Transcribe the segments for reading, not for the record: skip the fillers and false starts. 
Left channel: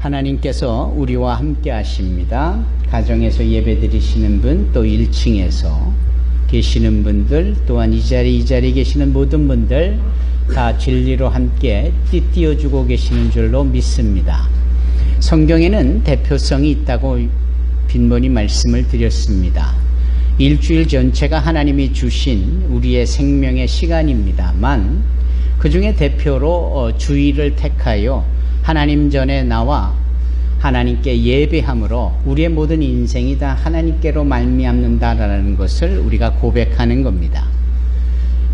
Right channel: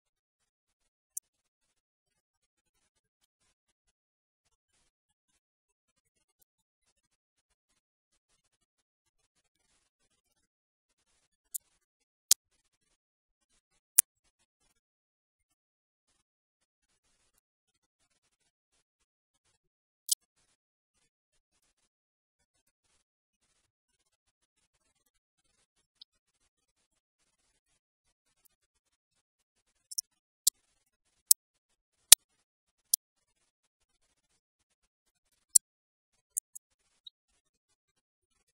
하나님께서 우리와 함께 하십니다. 가정에서 예배 드리시는 분, 또 1층에서 계시는 분들, 또한 이 자리에 계시는 모든 분들 다 진리로 함께 띄워주고 계시는 줄로 믿습니다. 성경에는 대표성이 있다고 빈번히 말씀을 드렸습니다. 일주일 전체가 하나님이 주신 우리의 생명의 시간입니다만 그 중에 대표로 주일을 택하여 하나님 전에 나와 하나님께 예배함으로 우리의 모든 인생이 다 하나님께로 말미암는다라는 것을 우리가 고백하는 겁니다.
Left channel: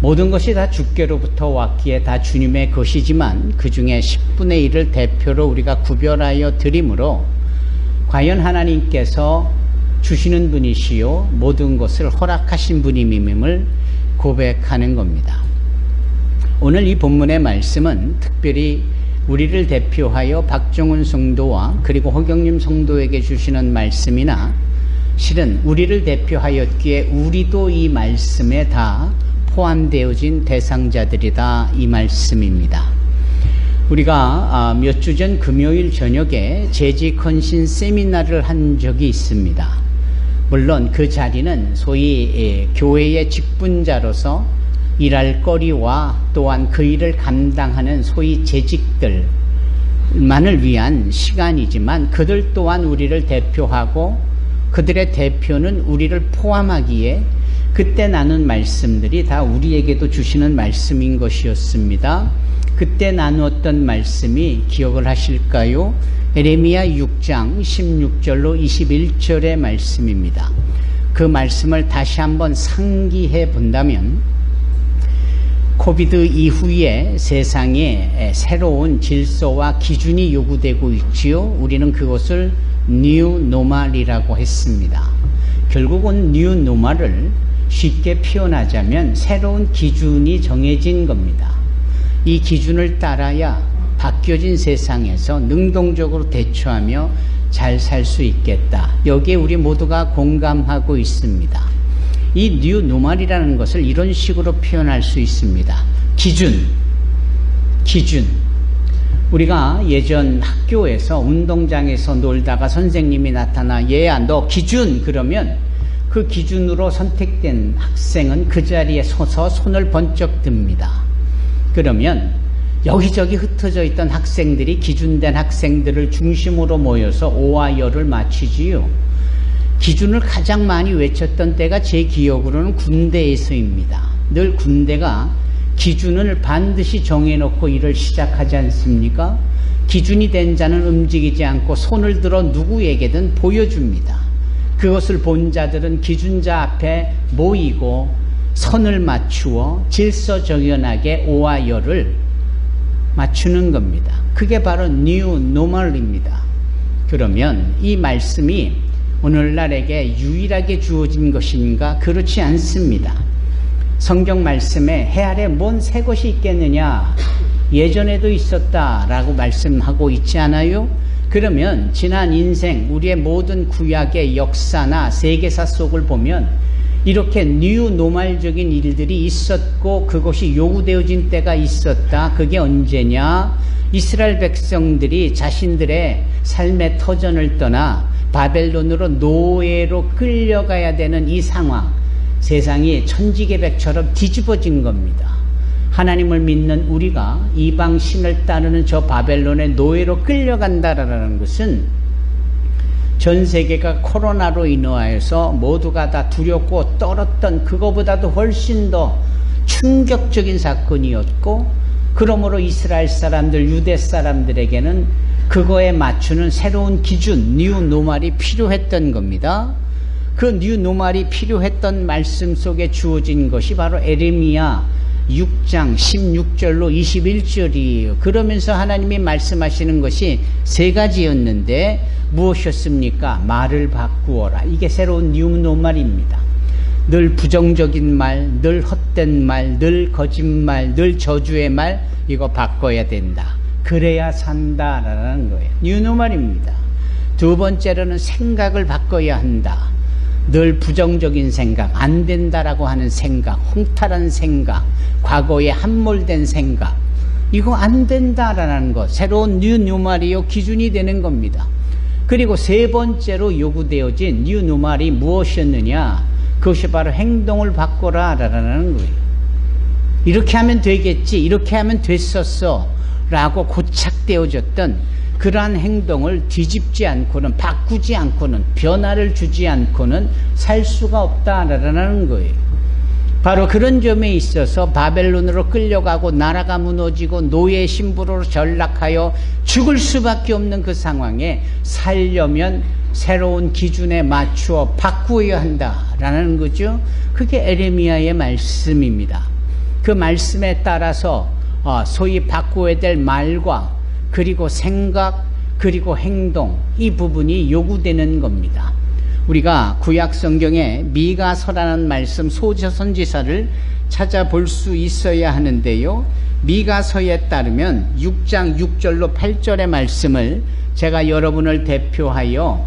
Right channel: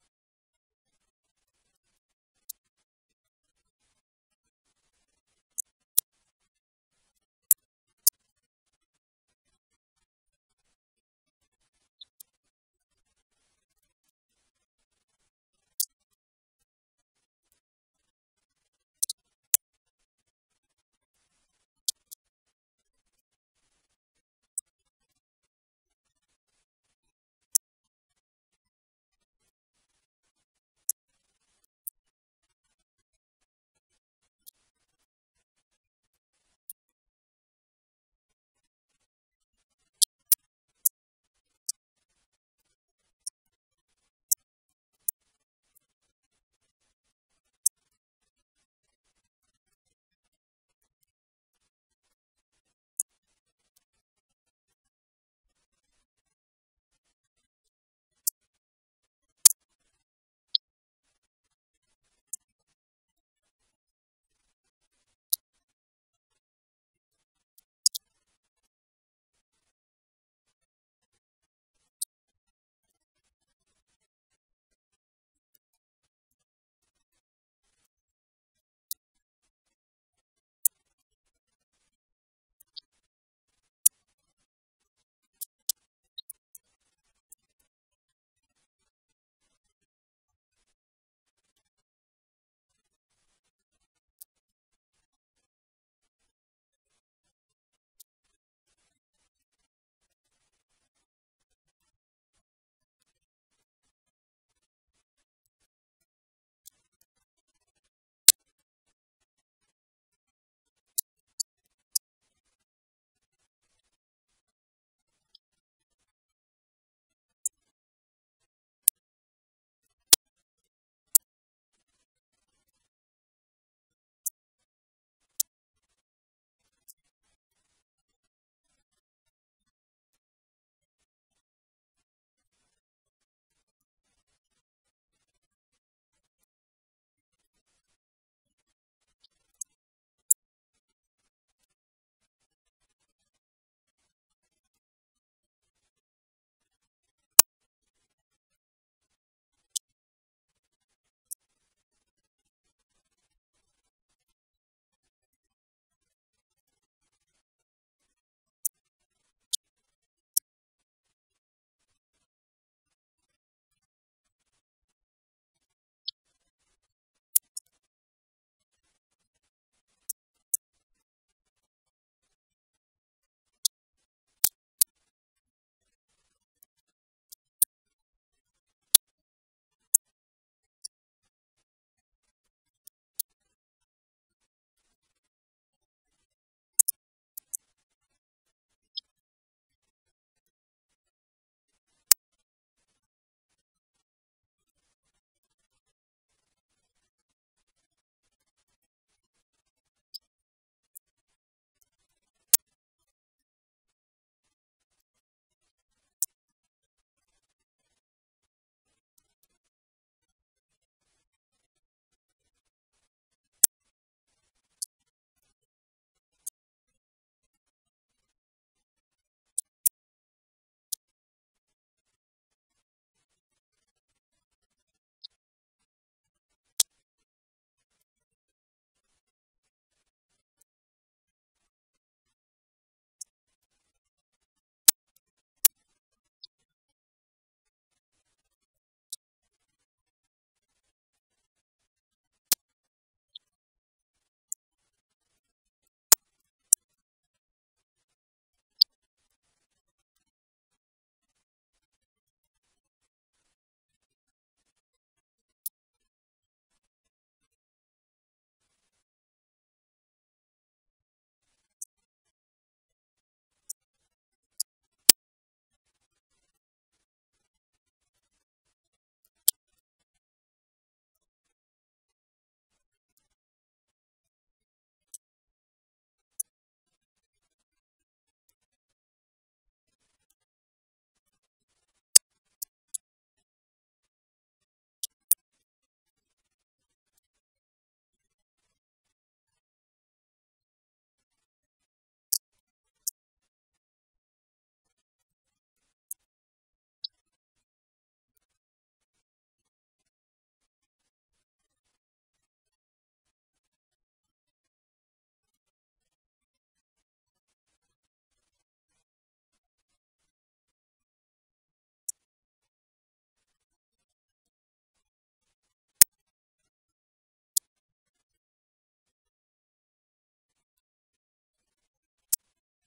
모든 것이 다 주께로부터 왔기에 다 주님의 것이지만 그 중에 10분의 1을 대표로 우리가 구별하여 드림으로 과연 하나님께서 주시는 분이시요 모든 것을 허락하신 분임을 고백하는 겁니다. 오늘 이 본문의 말씀은 특별히 우리를 대표하여 박정훈 성도와 그리고 허경림 성도에게 주시는 말씀이나 실은 우리를 대표하였기에 우리도 이 말씀에 다 포함되어진 대상자들이다 이 말씀입니다. 우리가 몇 주 전 금요일 저녁에 재직 헌신 세미나를 한 적이 있습니다. 물론 그 자리는 소위 교회의 직분자로서 일할 거리와 또한 그 일을 감당하는 소위 재직들만을 위한 시간이지만 그들 또한 우리를 대표하고 그들의 대표는 우리를 포함하기에 그때 나눈 말씀들이 다 우리에게도 주시는 말씀인 것이었습니다. 그때 나누었던 말씀이 기억을 하실까요? 에레미야 6장 16절로 21절의 말씀입니다. 그 말씀을 다시 한번 상기해 본다면 코비드 이후에 세상에 새로운 질서와 기준이 요구되고 있지요. 우리는 그것을 뉴 노멀이라고 했습니다. 결국은 뉴 노멀을 쉽게 표현하자면 새로운 기준이 정해진 겁니다. 이 기준을 따라야 바뀌어진 세상에서 능동적으로 대처하며 잘 살 수 있겠다. 여기에 우리 모두가 공감하고 있습니다. 이 뉴 노멀이라는 것을 이런 식으로 표현할 수 있습니다. 기준. 우리가 예전 학교에서 운동장에서 놀다가 선생님이 나타나 얘야 너 기준 그러면 그 기준으로 선택된 학생은 그 자리에 서서 손을 번쩍 듭니다. 그러면 여기저기 흩어져 있던 학생들이 기준된 학생들을 중심으로 모여서 오와 열을 맞추지요. 기준을 가장 많이 외쳤던 때가 제 기억으로는 군대에서입니다. 늘 군대가 기준을 반드시 정해놓고 일을 시작하지 않습니까? 기준이 된 자는 움직이지 않고 손을 들어 누구에게든 보여줍니다. 그것을 본 자들은 기준자 앞에 모이고 선을 맞추어 질서정연하게 오와 열을 맞추는 겁니다. 그게 바로 뉴 노멀입니다. 그러면 이 말씀이 오늘날에게 유일하게 주어진 것인가? 그렇지 않습니다. 성경 말씀에 해 아래 뭔 새 것이 있겠느냐? 예전에도 있었다라고 말씀하고 있지 않아요? 그러면 지난 인생 우리의 모든 구약의 역사나 세계사 속을 보면 이렇게 뉴 노멀적인 일들이 있었고 그것이 요구되어진 때가 있었다. 그게 언제냐? 이스라엘 백성들이 자신들의 삶의 터전을 떠나 바벨론으로 노예로 끌려가야 되는 이 상황, 세상이 천지개벽처럼 뒤집어진 겁니다. 하나님을 믿는 우리가 이방신을 따르는 저 바벨론의 노예로 끌려간다라는 것은 전 세계가 코로나로 인하여서 모두가 다 두렵고 떨었던 그거보다도 훨씬 더 충격적인 사건이었고 그러므로 이스라엘 사람들, 유대 사람들에게는 그거에 맞추는 새로운 기준, 뉴 노멀이 필요했던 겁니다. 그 뉴 노멀이 필요했던 말씀 속에 주어진 것이 바로 에레미야 6장 16절로 21절이에요. 그러면서 하나님이 말씀하시는 것이 세 가지였는데 무엇이었습니까? 말을 바꾸어라. 이게 새로운 뉴 노멀입니다. 늘 부정적인 말, 늘 헛된 말, 늘 거짓말, 늘 저주의 말 이거 바꿔야 된다. 그래야 산다라는 거예요. 뉴 노멀입니다. 두 번째로는 생각을 바꿔야 한다. 늘 부정적인 생각, 안 된다라고 하는 생각, 홍탈한 생각, 과거에 함몰된 생각 이거 안 된다라는 것, 새로운 뉴 노멀이요 기준이 되는 겁니다. 그리고 세 번째로 요구되어진 뉴 노멀이 무엇이었느냐? 그것이 바로 행동을 바꿔라라는 거예요. 이렇게 하면 되겠지, 이렇게 하면 됐었어 라고 고착되어졌던 그러한 행동을 뒤집지 않고는, 바꾸지 않고는, 변화를 주지 않고는 살 수가 없다라는 거예요. 바로 그런 점에 있어서 바벨론으로 끌려가고 나라가 무너지고 노예 신부로 전락하여 죽을 수밖에 없는 그 상황에 살려면 새로운 기준에 맞추어 바꾸어야 한다라는 거죠. 그게 에레미야의 말씀입니다. 그 말씀에 따라서 소위 바꾸어야 될 말과 그리고 생각 그리고 행동, 이 부분이 요구되는 겁니다. 우리가 구약 성경에 미가서라는 말씀, 소저 선지서를 찾아볼 수 있어야 하는데요. 미가서에 따르면 6장 6절로 8절의 말씀을 제가 여러분을 대표하여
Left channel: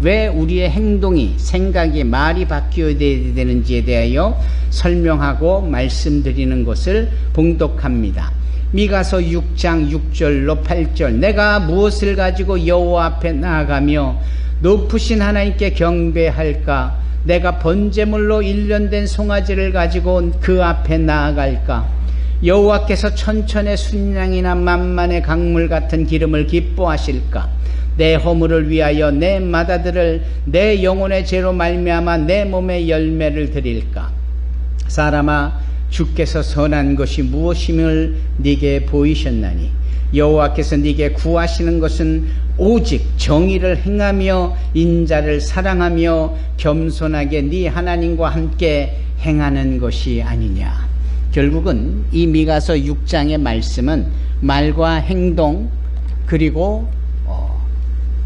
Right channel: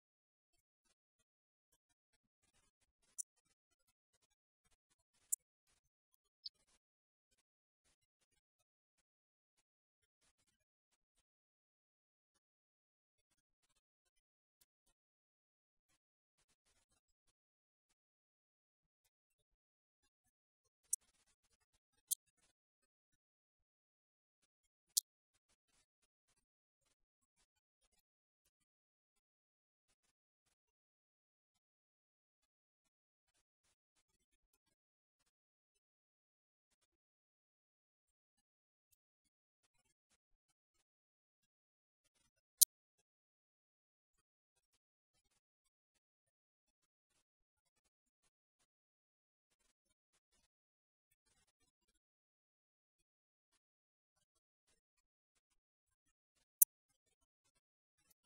왜 우리의 행동이, 생각이, 말이 바뀌어야 되는지에 대하여 설명하고 말씀드리는 것을 봉독합니다. 미가서 6장 6절로 8절. 내가 무엇을 가지고 여호와 앞에 나아가며 높으신 하나님께 경배할까? 내가 번제물로 일련된 송아지를 가지고 그 앞에 나아갈까? 여호와께서 천천의 순양이나 만만의 강물 같은 기름을 기뻐하실까? 내 허물을 위하여 내 맏아들을 내 영혼의 죄로 말미암아 내 몸의 열매를 드릴까? 사람아, 주께서 선한 것이 무엇임을 네게 보이셨나니 여호와께서 네게 구하시는 것은 오직 정의를 행하며 인자를 사랑하며 겸손하게 네 하나님과 함께 행하는 것이 아니냐. 결국은 이 미가서 6장의 말씀은 말과 행동 그리고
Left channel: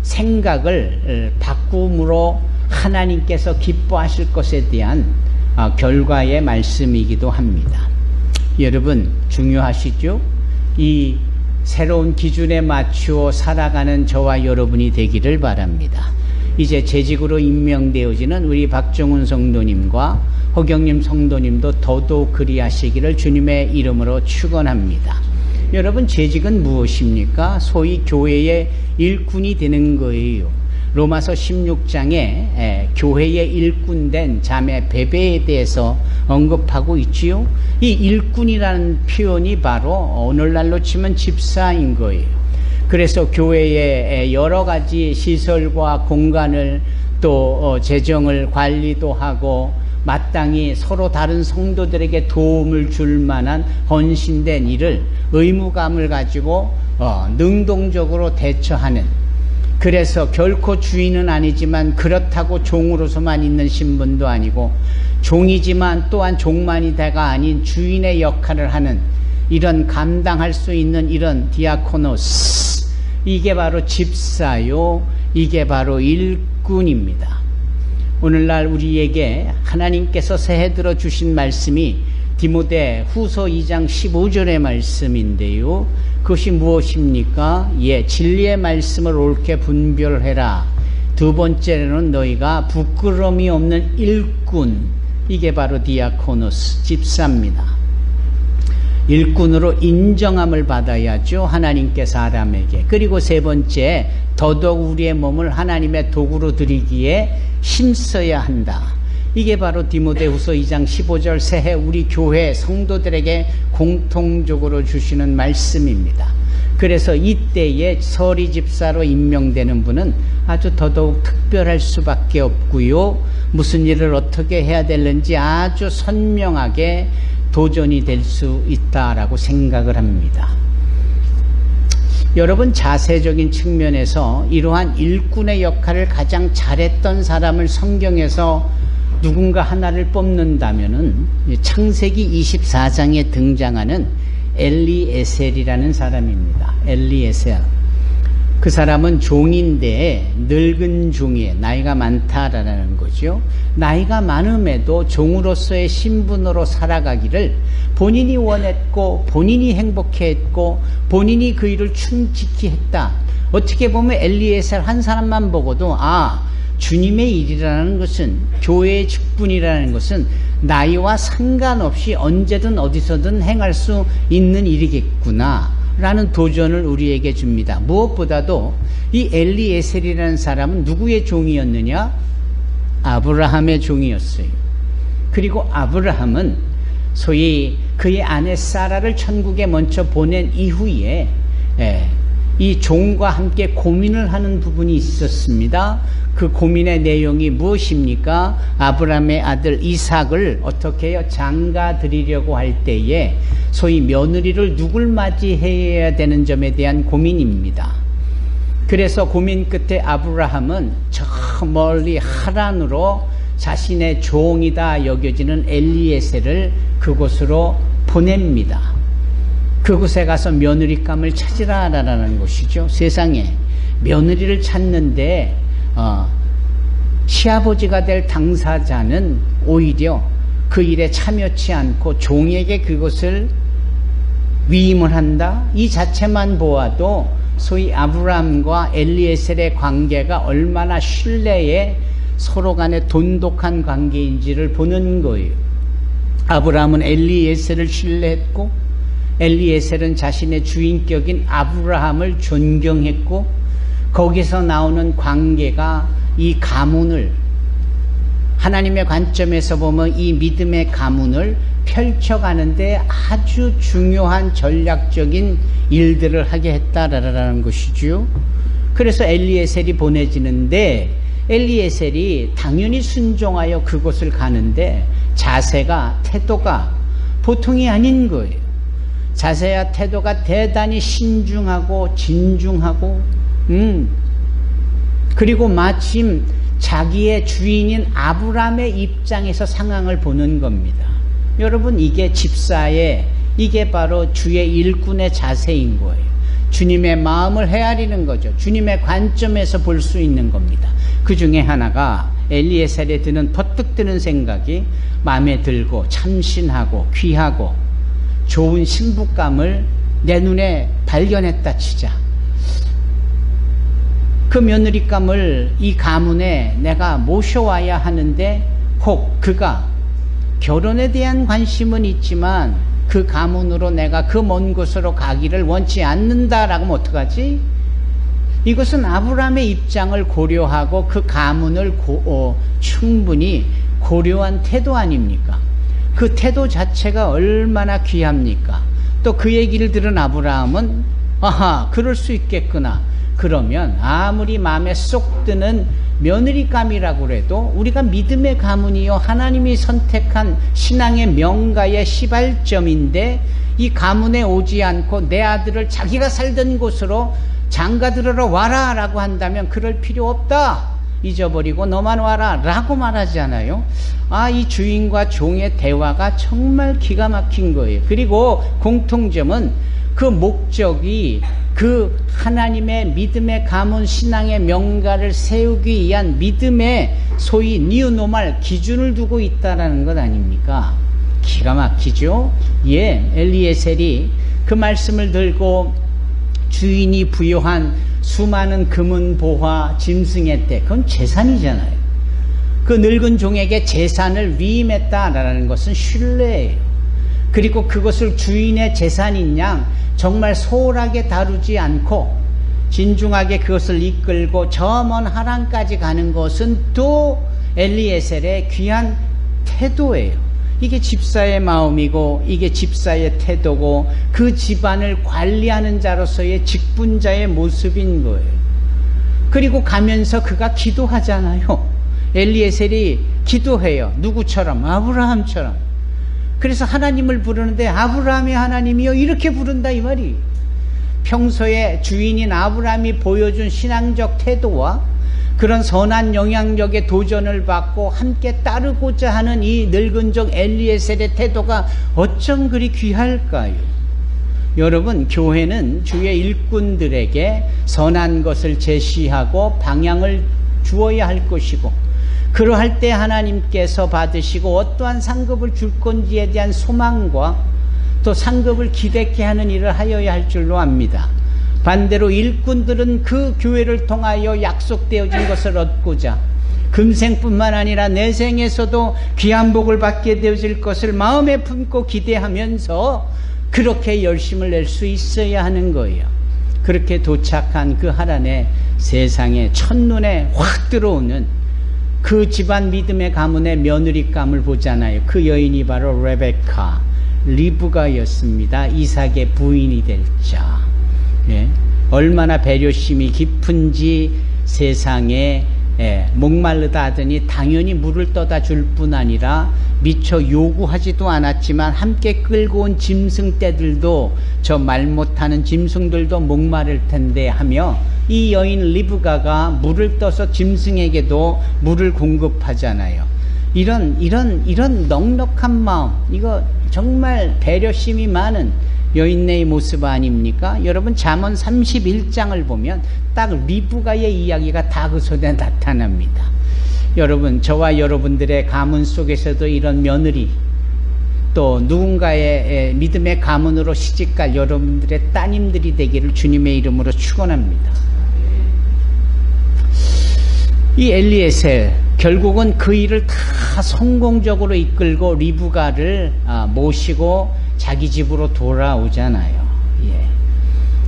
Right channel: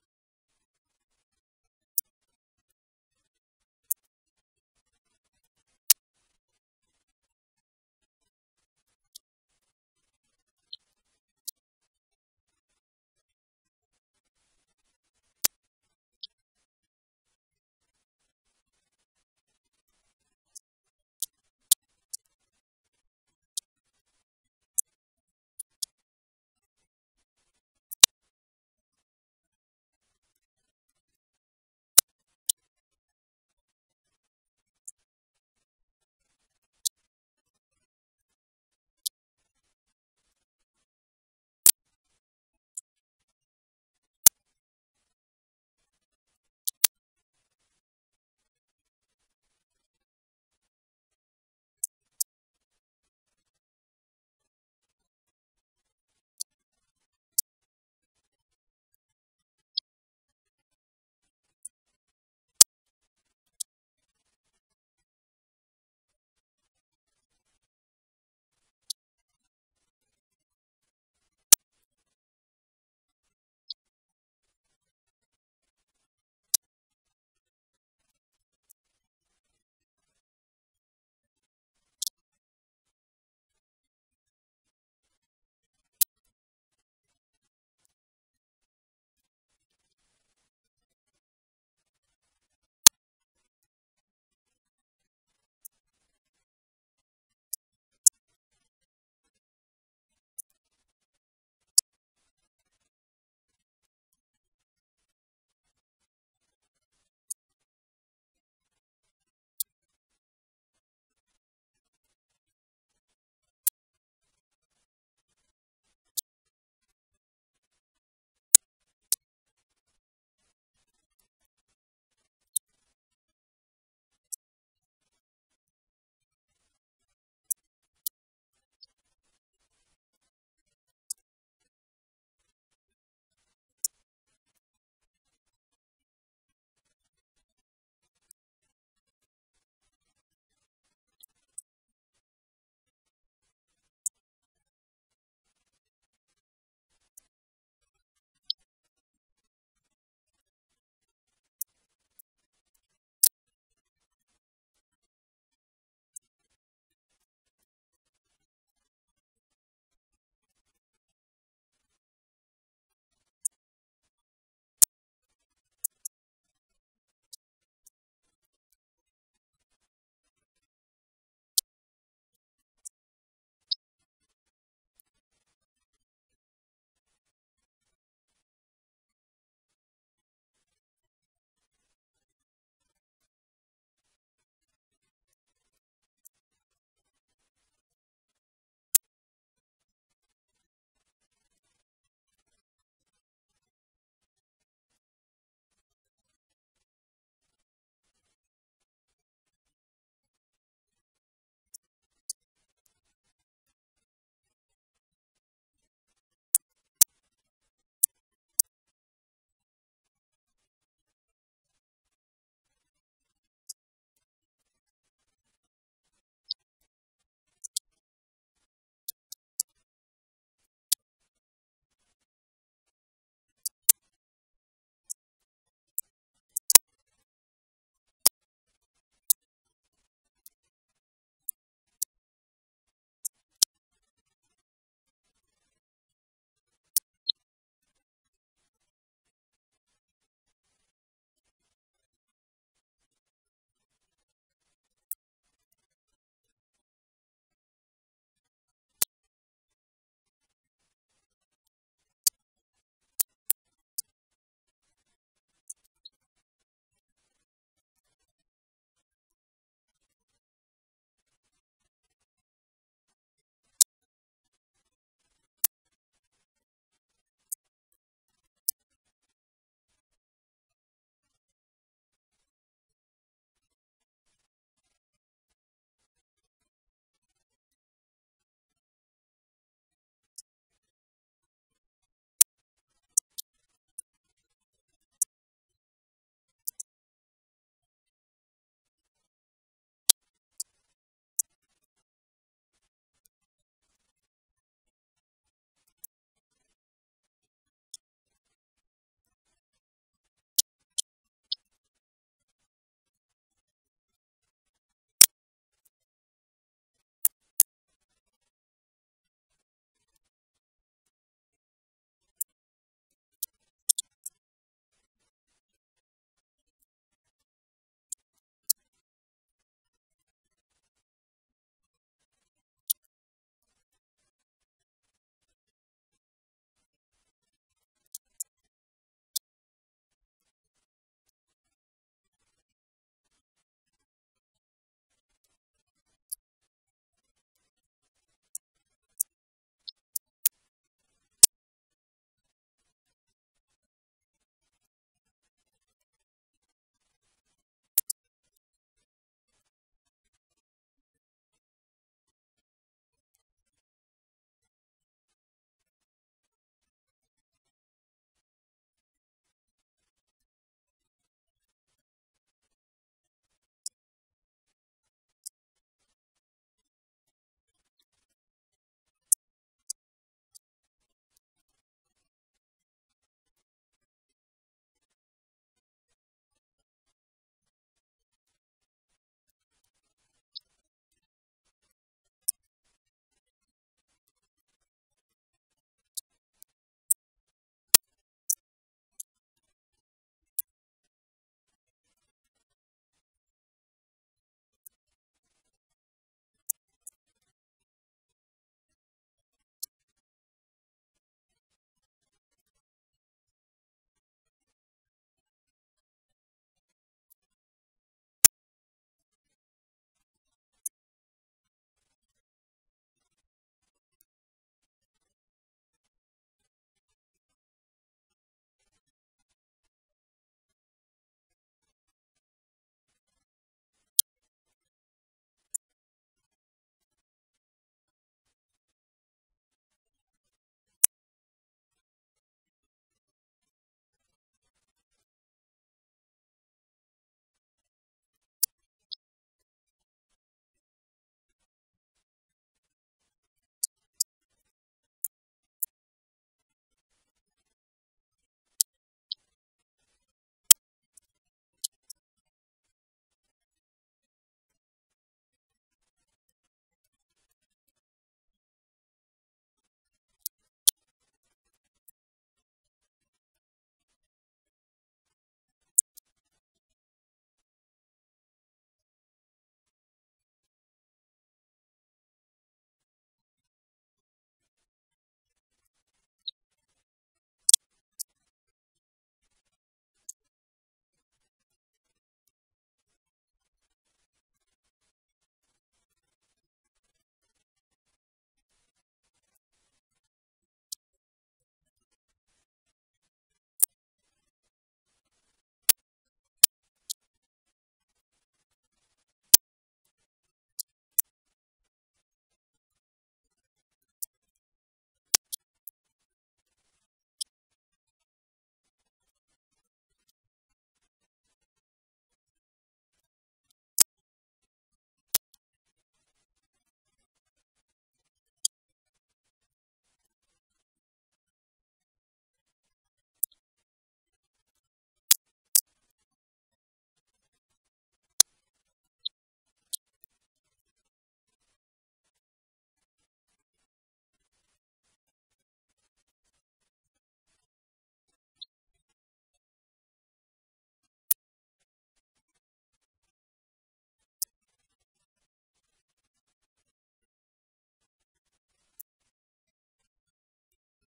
생각을 바꿈으로 하나님께서 기뻐하실 것에 대한 결과의 말씀이기도 합니다. 여러분, 중요하시죠? 이 새로운 기준에 맞추어 살아가는 저와 여러분이 되기를 바랍니다. 이제 재직으로 임명되어지는 우리 박정훈 성도님과 허경림 성도님도 더더욱 그리하시기를 주님의 이름으로 축원합니다. 여러분, 재직은 무엇입니까? 소위 교회의 일꾼이 되는 거예요. 로마서 16장에 교회의 일꾼된 자매 베베에 대해서 언급하고 있지요. 이 일꾼이라는 표현이 바로 오늘날로 치면 집사인 거예요. 그래서 교회의 여러 가지 시설과 공간을 또 재정을 관리도 하고 마땅히 서로 다른 성도들에게 도움을 줄 만한 헌신된 일을 의무감을 가지고 능동적으로 대처하는, 그래서 결코 주인은 아니지만 그렇다고 종으로서만 있는 신분도 아니고 종이지만 또한 종만이다가 아닌 주인의 역할을 하는, 이런 감당할 수 있는 이런 디아코노스, 이게 바로 집사요, 이게 바로 일꾼입니다. 오늘날 우리에게 하나님께서 새해 들어 주신 말씀이 디모데 후서 2장 15절의 말씀인데요. 그것이 무엇입니까? 진리의 말씀을 옳게 분별해라. 두 번째로는 너희가 부끄러움이 없는 일꾼, 이게 바로 디아코노스, 집사입니다. 일꾼으로 인정함을 받아야죠, 하나님께 사람에게. 그리고 세 번째, 더더욱 우리의 몸을 하나님의 도구로 드리기에 힘써야 한다. 이게 바로 디모데후서 2장 15절 새해 우리 교회 성도들에게 공통적으로 주시는 말씀입니다. 그래서 이때에 서리 집사로 임명되는 분은 아주 더더욱 특별할 수밖에 없고요. 무슨 일을 어떻게 해야 되는지 아주 선명하게 도전이 될 수 있다라고 생각을 합니다. 여러분, 자세적인 측면에서 이러한 일꾼의 역할을 가장 잘했던 사람을 성경에서 누군가 하나를 뽑는다면은 창세기 24장에 등장하는 엘리에셀이라는 사람입니다. 엘리에셀. 그 사람은 종인데 늙은 종이에요. 나이가 많다라는 거죠. 나이가 많음에도 종으로서의 신분으로 살아가기를 본인이 원했고 본인이 행복해했고 본인이 그 일을 충직히 했다. 어떻게 보면 엘리에셀 한 사람만 보고도 주님의 일이라는 것은, 교회의 직분이라는 것은 나이와 상관없이 언제든 어디서든 행할 수 있는 일이겠구나 라는 도전을 우리에게 줍니다. 무엇보다도 이 엘리에셀이라는 사람은 누구의 종이었느냐? 아브라함의 종이었어요. 그리고 아브라함은 소위 그의 아내 사라를 천국에 먼저 보낸 이후에 이 종과 함께 고민을 하는 부분이 있었습니다. 그 고민의 내용이 무엇입니까? 아브라함의 아들 이삭을 어떻게 해요? 장가 드리려고 할 때에 소위 며느리를 누굴 맞이해야 되는 점에 대한 고민입니다. 그래서 고민 끝에 아브라함은 저 멀리 하란으로 자신의 종이다 여겨지는 엘리에셀을 그곳으로 보냅니다. 그곳에 가서 며느리감을 찾으라라는 것이죠. 세상에 며느리를 찾는데 시아버지가 될 당사자는 오히려 그 일에 참여치 않고 종에게 그것을 위임을 한다. 이 자체만 보아도 소위 아브라함과 엘리에셀의 관계가 얼마나 신뢰에 서로 간에 돈독한 관계인지를 보는 거예요. 아브라함은 엘리에셀을 신뢰했고 엘리에셀은 자신의 주인격인 아브라함을 존경했고 거기서 나오는 관계가 이 가문을 하나님의 관점에서 보면 이 믿음의 가문을 펼쳐가는데 아주 중요한 전략적인 일들을 하게 했다라는 것이죠. 그래서 엘리에셀이 보내지는데 엘리에셀이 당연히 순종하여 그곳을 가는데 자세가 태도가 보통이 아닌 거예요. 자세와 태도가 대단히 신중하고 진중하고 그리고 마침 자기의 주인인 아브라함의 입장에서 상황을 보는 겁니다. 여러분 이게 집사의 이게 바로 주의 일꾼의 자세인 거예요. 주님의 마음을 헤아리는 거죠. 주님의 관점에서 볼 수 있는 겁니다. 그 중에 하나가 엘리에셀에 드는 퍼뜩 드는 생각이 마음에 들고 참신하고 귀하고 좋은 신부감을 내 눈에 발견했다 치자. 그 며느리감을 이 가문에 내가 모셔와야 하는데 혹 그가 결혼에 대한 관심은 있지만 그 가문으로 내가 그 먼 곳으로 가기를 원치 않는다라고 하면 어떡하지? 이것은 아브라함의 입장을 고려하고 그 가문을 충분히 고려한 태도 아닙니까? 그 태도 자체가 얼마나 귀합니까? 또 그 얘기를 들은 아브라함은 아하 그럴 수 있겠구나. 그러면 아무리 마음에 쏙 드는 며느리감이라고 해도 우리가 믿음의 가문이요 하나님이 선택한 신앙의 명가의 시발점인데 이 가문에 오지 않고 내 아들을 자기가 살던 곳으로 장가들으러 와라 라고 한다면 그럴 필요 없다. 잊어버리고 너만 와라 라고 말하잖아요. 이 주인과 종의 대화가 정말 기가 막힌 거예요. 그리고 공통점은 그 목적이 그 하나님의 믿음의 가문 신앙의 명가를 세우기 위한 믿음의 소위 뉴노멀 기준을 두고 있다는 것 아닙니까? 기가 막히죠? 엘리에셀이 그 말씀을 들고 주인이 부여한 수많은 금은 보화 짐승의 때 그건 재산이잖아요. 그 늙은 종에게 재산을 위임했다라는 것은 신뢰예요. 그리고 그것을 주인의 재산인 양 정말 소홀하게 다루지 않고 진중하게 그것을 이끌고 저 먼 하란까지 가는 것은 또 엘리에셀의 귀한 태도예요. 이게 집사의 마음이고 이게 집사의 태도고 그 집안을 관리하는 자로서의 직분자의 모습인 거예요. 그리고 가면서 그가 기도하잖아요. 엘리에셀이 기도해요. 누구처럼? 아브라함처럼. 그래서 하나님을 부르는데 아브라함의 하나님이요 이렇게 부른다 이 말이. 평소에 주인인 아브라함이 보여준 신앙적 태도와 그런 선한 영향력의 도전을 받고 함께 따르고자 하는 이 늙은 종 엘리에셀의 태도가 어쩜 그리 귀할까요? 여러분 교회는 주의 일꾼들에게 선한 것을 제시하고 방향을 주어야 할 것이고 그러할 때 하나님께서 받으시고 어떠한 상급을 줄 건지에 대한 소망과 또 상급을 기대케 하는 일을 하여야 할 줄로 압니다. 반대로 일꾼들은 그 교회를 통하여 약속되어진 것을 얻고자 금생뿐만 아니라 내생에서도 귀한 복을 받게 되어질 것을 마음에 품고 기대하면서 그렇게 열심을 낼 수 있어야 하는 거예요. 그렇게 도착한 그 하란의 세상에 첫눈에 확 들어오는 그 집안 믿음의 가문의 며느리감을 보잖아요. 그 여인이 바로 레베카, 리브가였습니다. 이삭의 부인이 될 자. 예. 얼마나 배려심이 깊은지 세상에 목마르다 하더니 당연히 물을 떠다 줄 뿐 아니라 미처 요구하지도 않았지만 함께 끌고 온 짐승떼들도 저 말 못하는 짐승들도 목마를 텐데 하며 이 여인 리브가가 물을 떠서 짐승에게도 물을 공급하잖아요. 이런 넉넉한 마음, 이거 정말 배려심이 많은 여인네의 모습 아닙니까? 여러분 잠언 31장을 보면 딱 리브가의 이야기가 다 그 속에 나타납니다. 여러분, 저와 여러분들의 가문 속에서도 이런 며느리, 또 누군가의 믿음의 가문으로 시집갈 여러분들의 따님들이 되기를 주님의 이름으로 축원합니다. 이 엘리에셀, 결국은 그 일을 다 성공적으로 이끌고 리브가를 모시고 자기 집으로 돌아오잖아요. 예.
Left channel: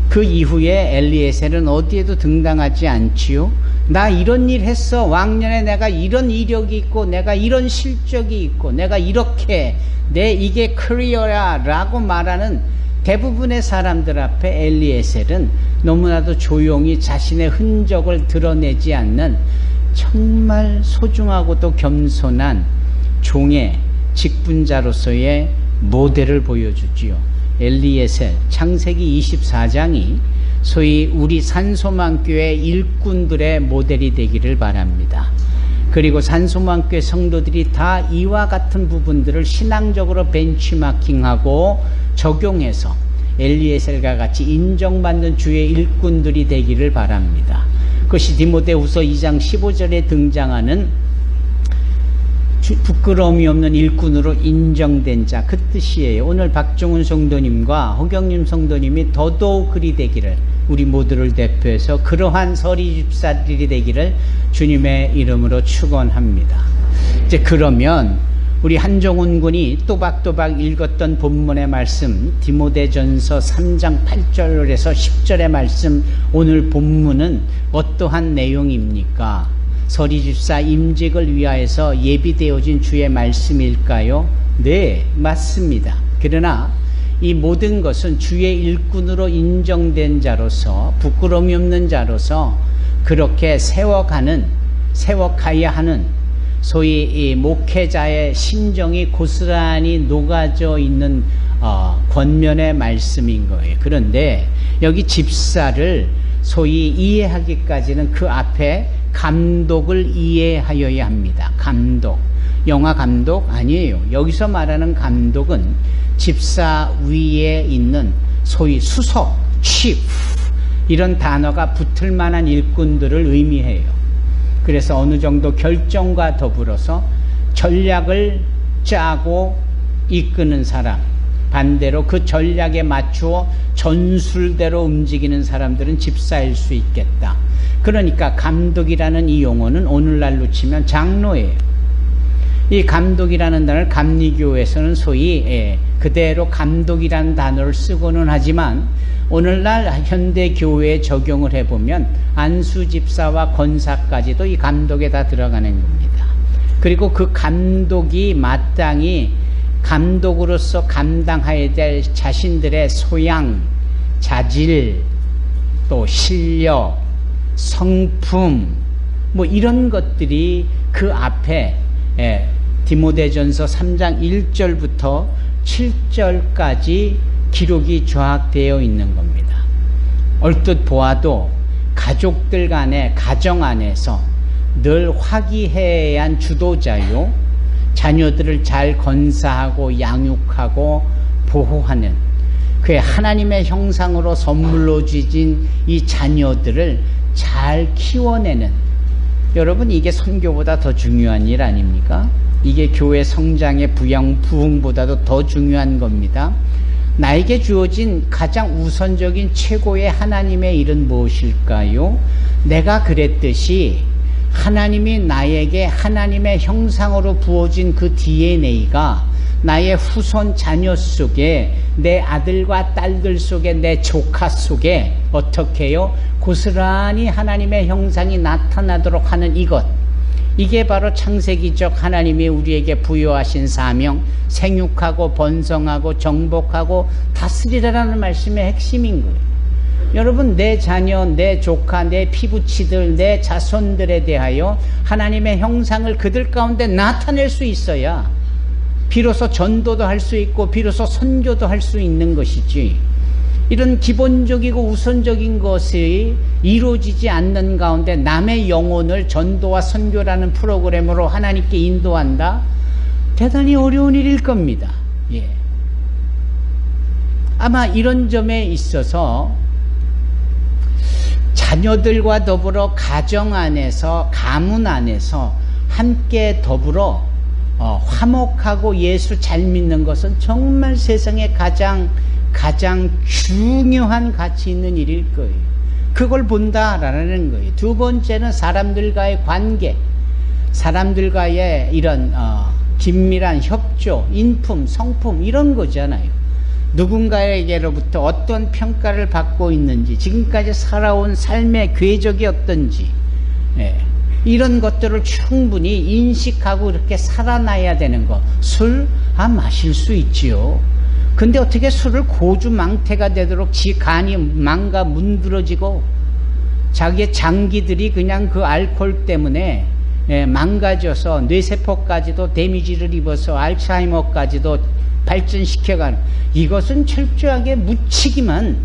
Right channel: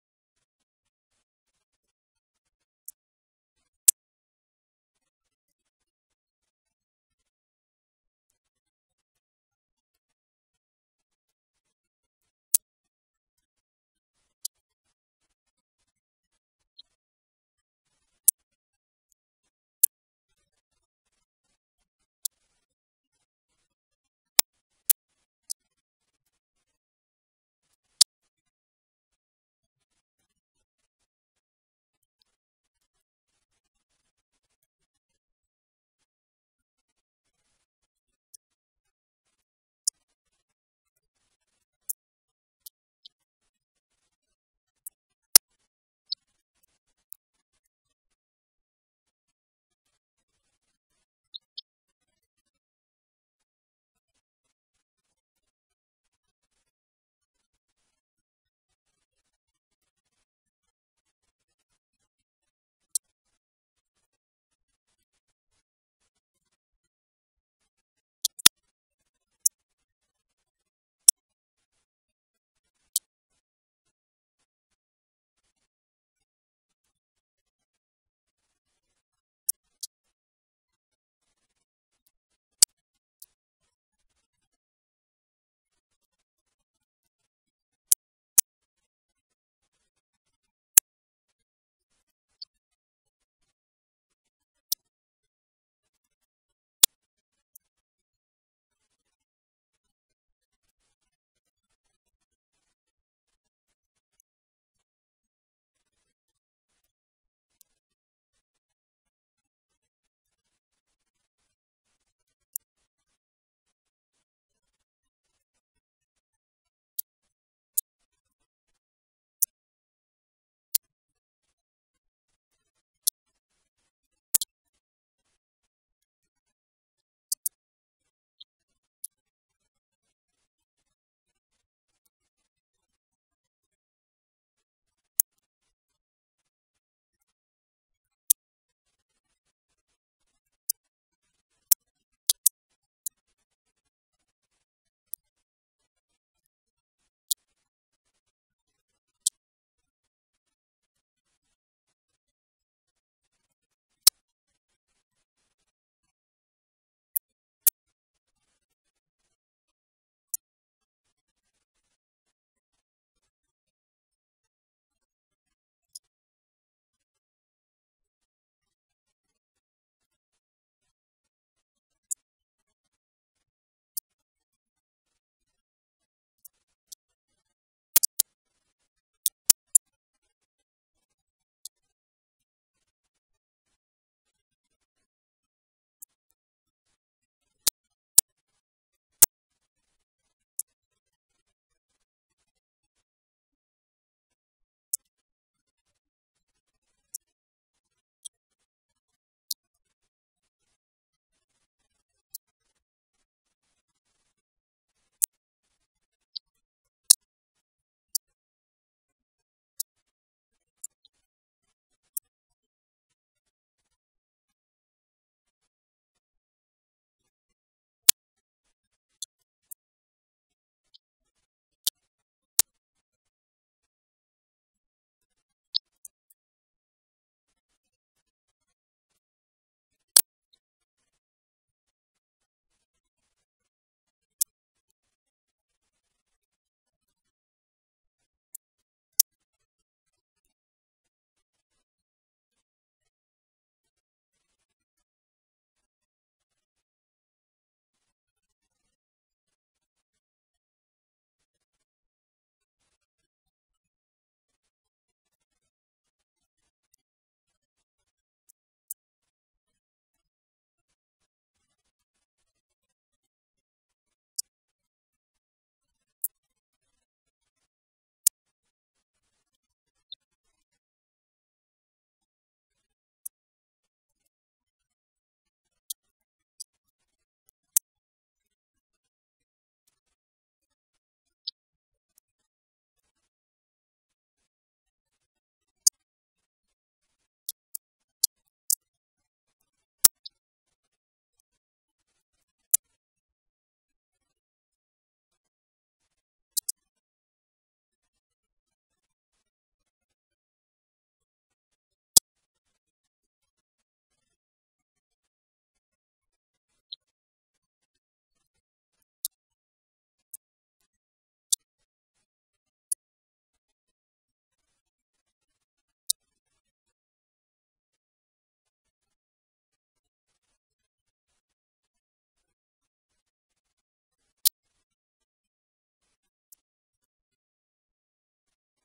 그 이후에 엘리에셀은 어디에도 등당하지 않지요. 나 이런 일 했어. 왕년에 내가 이런 이력이 있고 내가 이런 실적이 있고 내가 이렇게 내 이게 커리어야 라고 말하는 대부분의 사람들 앞에 엘리에셀은 너무나도 조용히 자신의 흔적을 드러내지 않는 정말 소중하고도 겸손한 종의 직분자로서의 모델을 보여주지요. 엘리에셀, 창세기 24장이 소위 우리 산소망교회 일꾼들의 모델이 되기를 바랍니다. 그리고 산소망교회 성도들이 다 이와 같은 부분들을 신앙적으로 벤치마킹하고 적용해서 엘리에셀과 같이 인정받는 주의 일꾼들이 되기를 바랍니다. 그것이 디모데후서 2장 15절에 등장하는 부끄러움이 없는 일꾼으로 인정된 자, 그 뜻이에요. 오늘 박종훈 성도님과 허경림 성도님이 더더욱 그리 되기를, 우리 모두를 대표해서 그러한 서리 집사들이 되기를 주님의 이름으로 축원합니다. 이제 그러면 우리 한종훈 군이 또박또박 읽었던 본문의 말씀, 디모데전서 3장 8절에서 10절의 말씀, 오늘 본문은 어떠한 내용입니까? 서리집사 임직을 위하여서 예비되어진 주의 말씀일까요? 네, 맞습니다. 그러나 이 모든 것은 주의 일꾼으로 인정된 자로서, 부끄러움이 없는 자로서 그렇게 세워가야 하는 소위 이 목회자의 심정이 고스란히 녹아져 있는 권면의 말씀인 거예요. 그런데 여기 집사를 소위 이해하기까지는 그 앞에 감독을 이해하여야 합니다. 감독, 영화 감독 아니에요. 여기서 말하는 감독은 집사 위에 있는 소위 수석, chief 이런 단어가 붙을 만한 일꾼들을 의미해요. 그래서 어느 정도 결정과 더불어서 전략을 짜고 이끄는 사람, 반대로 그 전략에 맞추어 전술대로 움직이는 사람들은 집사일 수 있겠다. 그러니까 감독이라는 이 용어는 오늘날로 치면 장로예요. 이 감독이라는 단어를 감리교에서는 소위 그대로 감독이라는 단어를 쓰고는 하지만 오늘날 현대 교회에 적용을 해보면 안수 집사와 권사까지도 이 감독에 다 들어가는 겁니다. 그리고 그 감독이 마땅히 감독으로서 감당해야 될 자신들의 소양, 자질, 또 실력, 성품, 뭐 이런 것들이 그 앞에 디모데전서 3장 1절부터 7절까지 기록이 조약되어 있는 겁니다. 얼뜻 보아도 가족들 간의 가정 안에서 늘 화기애애한 주도자요, 자녀들을 잘 건사하고 양육하고 보호하는 그의 하나님의 형상으로 선물로 주신 이 자녀들을 잘 키워내는, 여러분 이게 선교보다 더 중요한 일 아닙니까? 이게 교회 성장의 부흥보다도 더 중요한 겁니다. 나에게 주어진 가장 우선적인 최고의 하나님의 일은 무엇일까요? 내가 그랬듯이 하나님이 나에게 하나님의 형상으로 부어진 그 DNA가 나의 후손 자녀 속에, 내 아들과 딸들 속에, 내 조카 속에 어떻게 해요? 고스란히 하나님의 형상이 나타나도록 하는 이것, 이게 바로 창세기적 하나님이 우리에게 부여하신 사명, 생육하고 번성하고 정복하고 다스리라는 말씀의 핵심인 거예요. 여러분, 내 자녀, 내 조카, 내 피부치들, 내 자손들에 대하여 하나님의 형상을 그들 가운데 나타낼 수 있어야 비로소 전도도 할 수 있고 비로소 선교도 할 수 있는 것이지, 이런 기본적이고 우선적인 것이 이루어지지 않는 가운데 남의 영혼을 전도와 선교라는 프로그램으로 하나님께 인도한다? 대단히 어려운 일일 겁니다. 예. 아마 이런 점에 있어서 자녀들과 더불어 가정 안에서, 가문 안에서 함께 더불어 화목하고 예수 잘 믿는 것은 정말 세상에 가장 중요한 가치 있는 일일 거예요. 그걸 본다라는 거예요. 두 번째는 사람들과의 관계, 사람들과의 이런 긴밀한 협조, 인품, 성품, 이런 거잖아요. 누군가에게로부터 어떤 평가를 받고 있는지, 지금까지 살아온 삶의 궤적이 어떤지, 예, 이런 것들을 충분히 인식하고 이렇게 살아나야 되는 거. 술, 마실 수 있지요. 근데 어떻게 술을 고주망태가 되도록 지 간이 망가 문드러지고 자기의 장기들이 그냥 그 알코올 때문에 망가져서 뇌세포까지도 데미지를 입어서 알츠하이머까지도 발전시켜가는, 이것은 철저하게 무책임한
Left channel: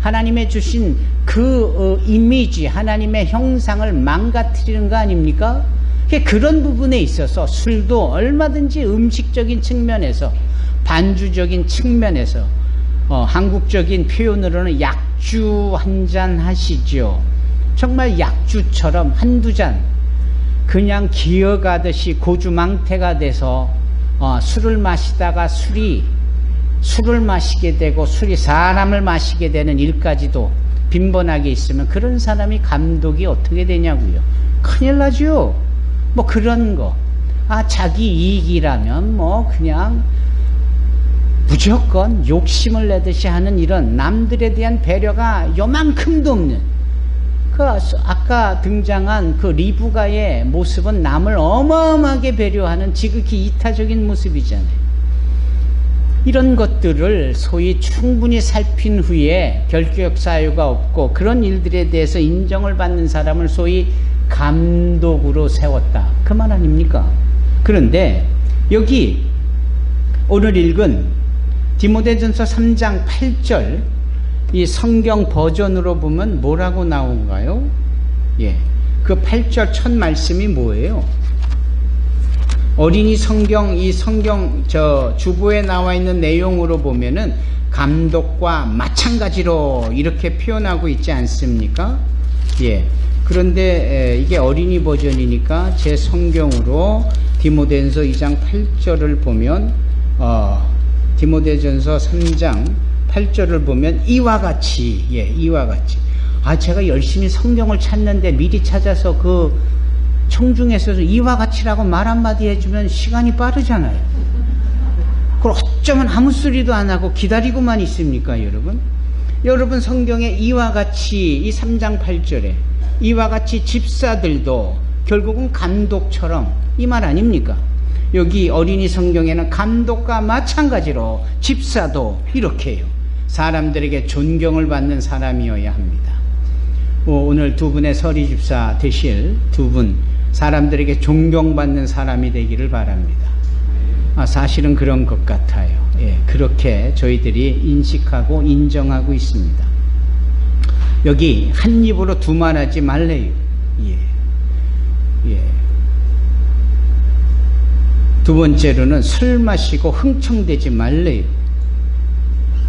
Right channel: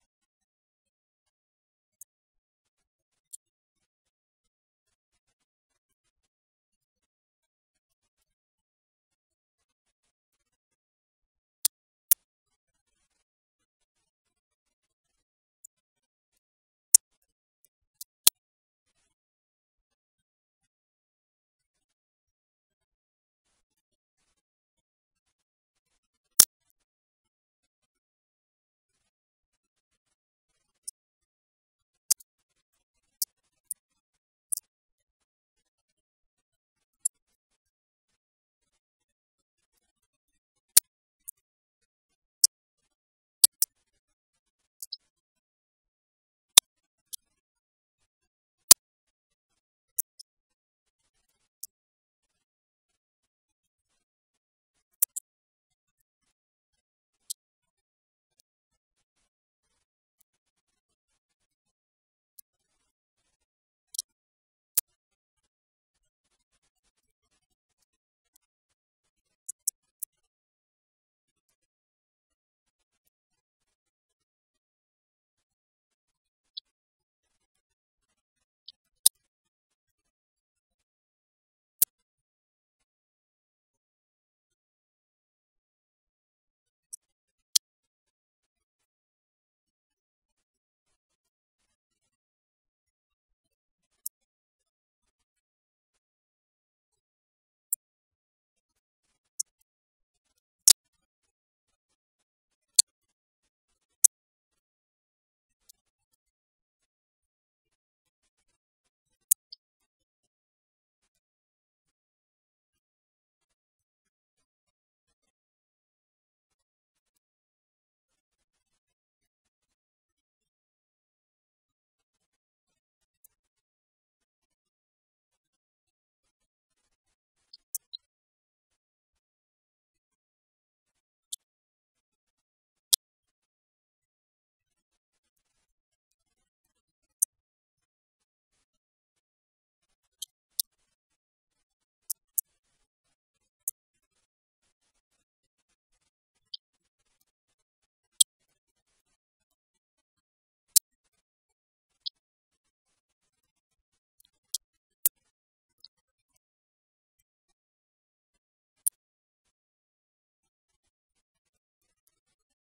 하나님의 주신 그 이미지, 하나님의 형상을 망가뜨리는 거 아닙니까? 그런 부분에 있어서 술도 얼마든지 음식적인 측면에서, 반주적인 측면에서, 한국적인 표현으로는 약주 한 잔 하시죠. 정말 약주처럼 한두 잔 그냥 기어가듯이 고주망태가 돼서 술을 마시다가 술을 마시게 되고 술이 사람을 마시게 되는 일까지도 빈번하게 있으면 그런 사람이 감독이 어떻게 되냐고요. 큰일 나죠. 뭐 그런 거, 자기 이익이라면 뭐 그냥 무조건 욕심을 내듯이 하는 이런 남들에 대한 배려가 요만큼도 없는, 아까 등장한 그 리브가의 모습은 남을 어마어마하게 배려하는 지극히 이타적인 모습이잖아요. 이런 것들을 소위 충분히 살핀 후에 결격 사유가 없고 그런 일들에 대해서 인정을 받는 사람을 소위 감독으로 세웠다, 그 말 아닙니까? 그런데 여기 오늘 읽은 디모데전서 3장 8절, 이 성경 버전으로 보면 뭐라고 나온가요? 예, 그 8절 첫 말씀이 뭐예요? 어린이 성경, 이 성경 주보에 나와 있는 내용으로 보면은 감독과 마찬가지로 이렇게 표현하고 있지 않습니까? 예. 그런데 이게 어린이 버전이니까 제 성경으로 디모데전서 2장 8절을 보면, 디모데전서 3장 8절을 보면 이와 같이, 이와 같이. 제가 열심히 성경을 찾는데 미리 찾아서 그 청중에서 이와 같이라고 말 한마디 해주면 시간이 빠르잖아요. 그걸 어쩌면 아무 소리도 안 하고 기다리고만 있습니까, 여러분? 여러분 성경에 이와 같이, 이 3장 8절에 이와 같이 집사들도 결국은 감독처럼, 이 말 아닙니까? 여기 어린이 성경에는 감독과 마찬가지로 집사도 이렇게 해요. 사람들에게 존경을 받는 사람이어야 합니다. 오늘 두 분의 서리 집사 되실 두 분, 사람들에게 존경받는 사람이 되기를 바랍니다. 사실은 그런 것 같아요. 예, 그렇게 저희들이 인식하고 인정하고 있습니다. 여기 한 입으로 두말하지 말래요. 예. 두 번째로는 술 마시고 흥청대지 말래요.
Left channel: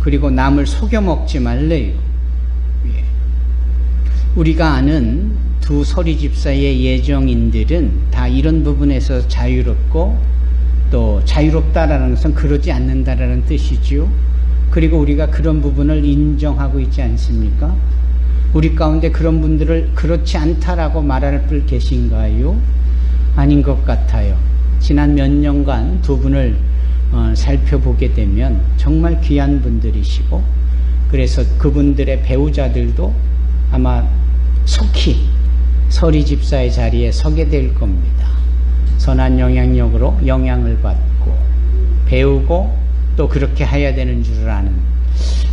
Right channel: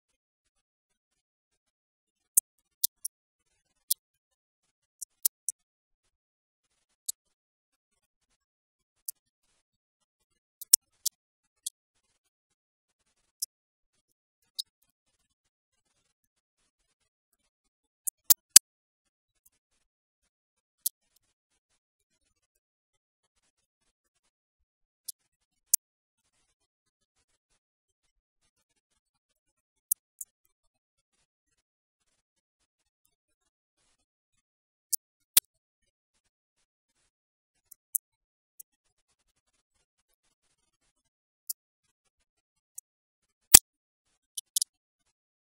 그리고 남을 속여 먹지 말래요. 예. 우리가 아는 두 서리 집사의 예정인들은 다 이런 부분에서 자유롭고, 또 자유롭다라는 것은 그러지 않는다라는 뜻이지요. 그리고 우리가 그런 부분을 인정하고 있지 않습니까? 우리 가운데 그런 분들을 그렇지 않다라고 말할 분 계신가요? 아닌 것 같아요. 지난 몇 년간 두 분을 살펴보게 되면 정말 귀한 분들이시고, 그래서 그분들의 배우자들도 아마 속히 서리 집사의 자리에 서게 될 겁니다. 선한 영향력으로 영향을 받고 배우고 또 그렇게 해야 되는 줄 아는,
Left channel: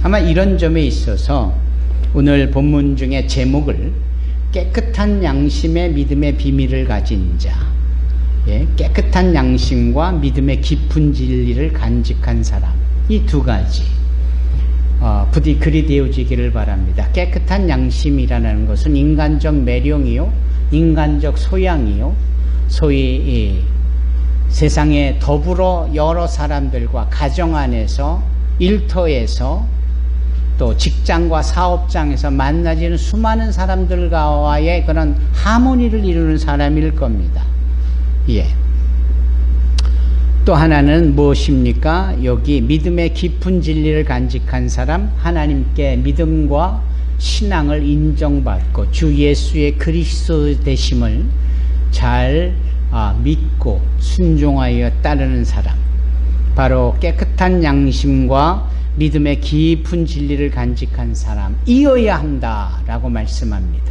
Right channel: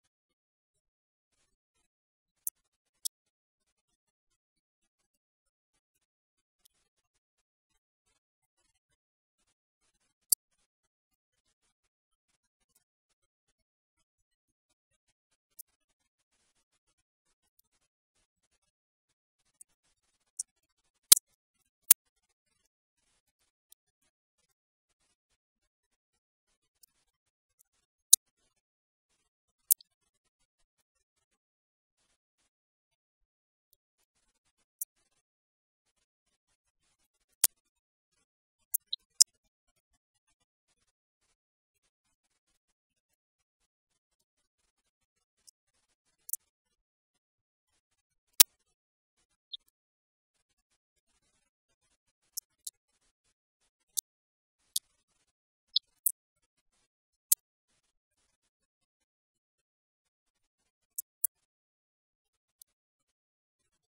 아마 이런 점에 있어서 오늘 본문 중에 제목을 깨끗한 양심의 믿음의 비밀을 가진 자, 깨끗한 양심과 믿음의 깊은 진리를 간직한 사람, 이 두 가지 부디 그리 되어지기를 바랍니다. 깨끗한 양심이라는 것은 인간적 매력이요, 인간적 소양이요, 소위 세상에 더불어 여러 사람들과 가정 안에서, 일터에서, 또 직장과 사업장에서 만나지는 수많은 사람들과의 그런 하모니를 이루는 사람일 겁니다. 또 하나는 무엇입니까? 여기 믿음의 깊은 진리를 간직한 사람, 하나님께 믿음과 신앙을 인정받고 주 예수의 그리스도 되심을 잘 믿고 순종하여 따르는 사람, 바로 깨끗한 양심과 믿음의 깊은 진리를 간직한 사람, 이어야 한다라고 말씀합니다.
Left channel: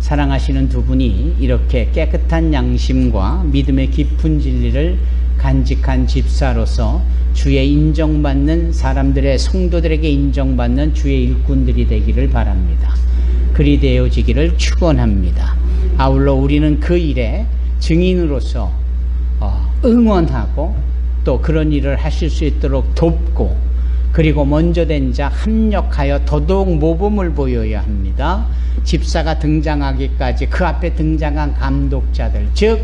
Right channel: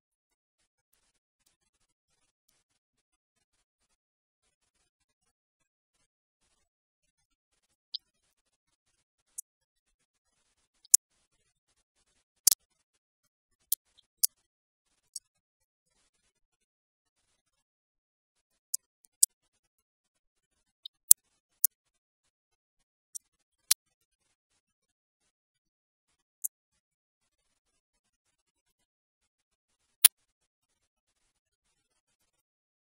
사랑하시는 두 분이 이렇게 깨끗한 양심과 믿음의 깊은 진리를 간직한 집사로서 주의 인정받는 사람들의, 성도들에게 인정받는 주의 일꾼들이 되기를 바랍니다. 그리 되어지기를 축원합니다. 아울러 우리는 그 일에 증인으로서 응원하고 또 그런 일을 하실 수 있도록 돕고, 그리고 먼저 된 자 합력하여 더더욱 모범을 보여야 합니다. 집사가 등장하기까지 그 앞에 등장한 감독자들, 즉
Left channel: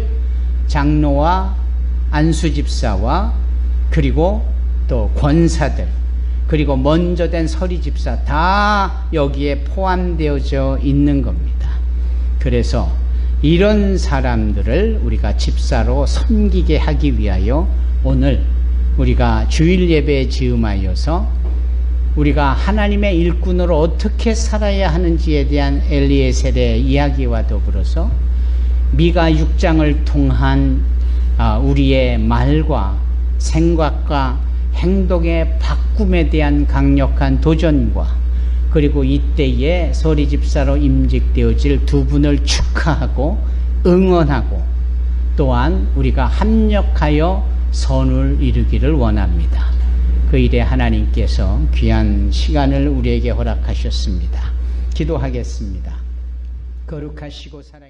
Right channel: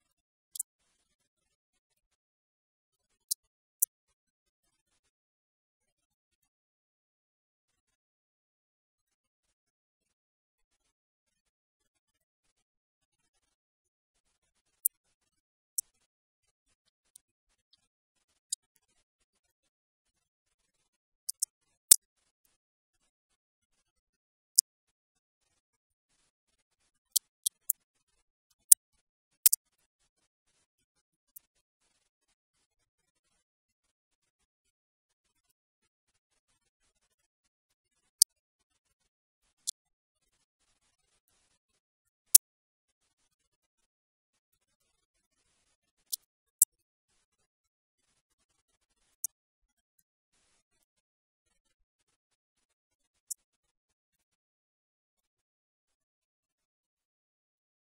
장로와 안수집사와 그리고 또 권사들, 그리고 먼저 된 서리집사, 다 여기에 포함되어져 있는 겁니다. 그래서 이런 사람들을 우리가 집사로 섬기게 하기 위하여 오늘 우리가 주일 예배에 즈음하여서 우리가 하나님의 일꾼으로 어떻게 살아야 하는지에 대한 엘리에셀의 이야기와 더불어서 미가 6장을 통한 우리의 말과 생각과 행동의 바꿈에 대한 강력한 도전과, 그리고 이때에 서리 집사로 임직되어질 두 분을 축하하고 응원하고, 또한 우리가 합력하여 선을 이루기를 원합니다. 그 일에 하나님께서 귀한 시간을 우리에게 허락하셨습니다. 기도하겠습니다. 거룩하시고 사랑